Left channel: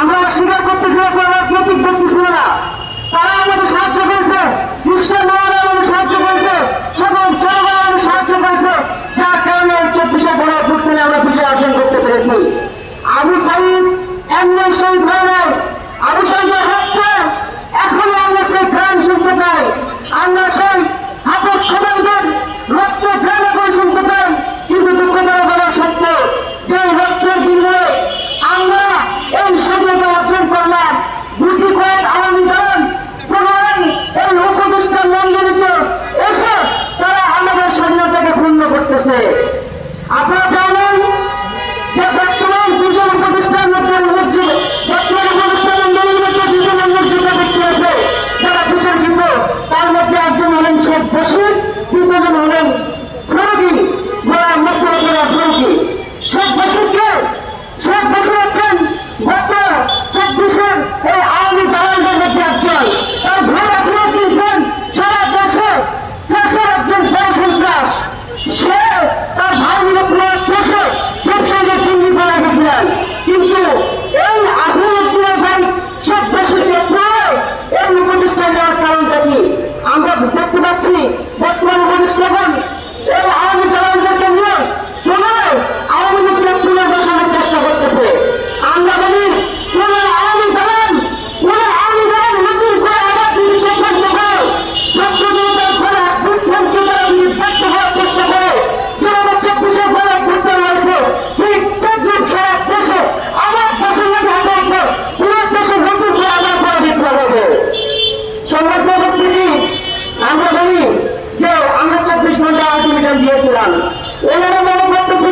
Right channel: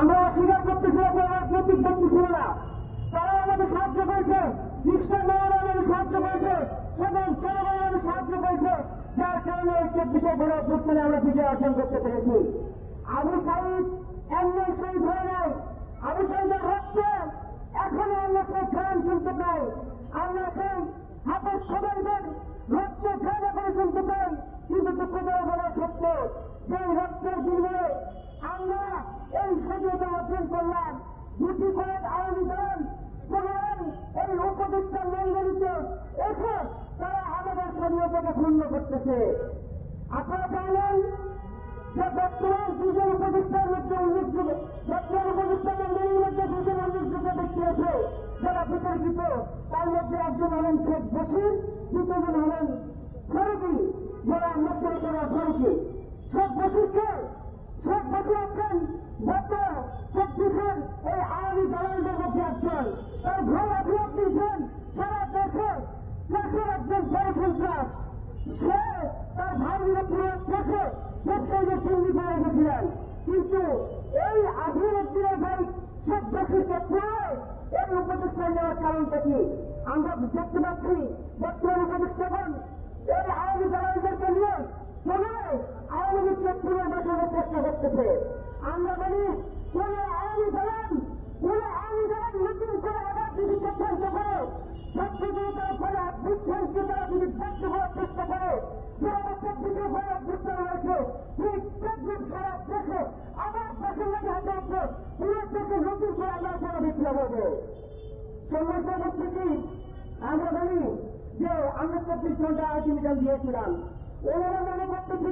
আমরা স্বীকার করতেছি কোনো রাজনৈতিক ব্যক্তি ছিল না, তারা আমাদের সাহায্য করেছে, খ্রিস্টান নেওয়ারা আমাদের সাহায্য করেছে, সকল জনগণ আমাদের সাহায্য করেছে, যার কারণে 24শে গণঅভ্যুত্থানে আমরা বিজয় অর্জন করতে পেরেছি। আবু সাঈদ এমনি শহীদ হয়ে যায়, আবু সাঈদের রক্তে এখনো আমরা সেই ঘ্রাণ শুনতে পাই, আমরা সেই হাফেজ খোদাইদের রক্তে ঘ্রাণ এখন শুনতে পাই। কিন্তু দুঃখজনক হলো সত্য, যে রক্তের বিনিময়ে আমরা এই স্বাধীনতা অর্জন করলাম। গুটি কয়েক আওয়ামী দল পুনরায় এই উপদেষ্টা মন্ডলীতে এসে তারা আমাদের স্বাধীনতাকে ক্ষুণ্ণ করতেছে। আপনারা জানেন যে বর্তমান দুজন উপদেষ্টার মধ্যে বর্তমান উপদেষ্টা মন্ডলীর মধ্যে দুজন উল্লেখযোগ্য ব্যক্তি আছে যারা বিতর্কিত। তার মধ্যে একজন হলেন শেখ বশির, দ্বিতীয়জন হলেন ফারুকী, গোলাম মোস্তফা সরোয়ার ফারুকী। শেখ বশিরকে শেখ বশির হচ্ছেন গত 24-এর এই আওয়ামী দালালদের মধ্যে একজন। তার ভাই আপনারা দিয়েছেন সারা দেশে একজন বড় সন্ত্রাস। সে তার ভাই মিলে দেশে ব্যবসায়ীদের চিহ্নিত করে গেছিলেন, কিন্তু এই আধুনিক ভাই শেখ বশিরকে পুরো এই উপদেষ্টা নেওয়ার কারণটা কি? আমরা দেখতে পাচ্ছি বর্তমান উপদেষ্টাগণ এই আওয়ামী দালালদেরকে নিয়ে পুনরায় আওয়ামী লীগকে পুনর্বাসনের চেষ্টা করতেছে। আমরা বলি আওয়ামী দালাল নতুন করে আবার যদি চক্রান্ত করে ছাত্র জনতার করে অভ্যুত্থানকে তারা যদি ব্যর্থ করার চেষ্টা করে, যেভাবে 24শে গণঅভ্যুত্থান হয়েছে ঠিক তদ্রুপ সারা দেশে আবার দেশের মধ্যে হাতে রাখবে, পুরো দেশে নতুন করে আবার করে বিপ্লব হবে। সংবাদ উপস্থিতি আমরা বলি যে আমরা 24 ঘন্টা আলটিমেটাম দিয়েছিলাম, ওনারা মনে করতেছে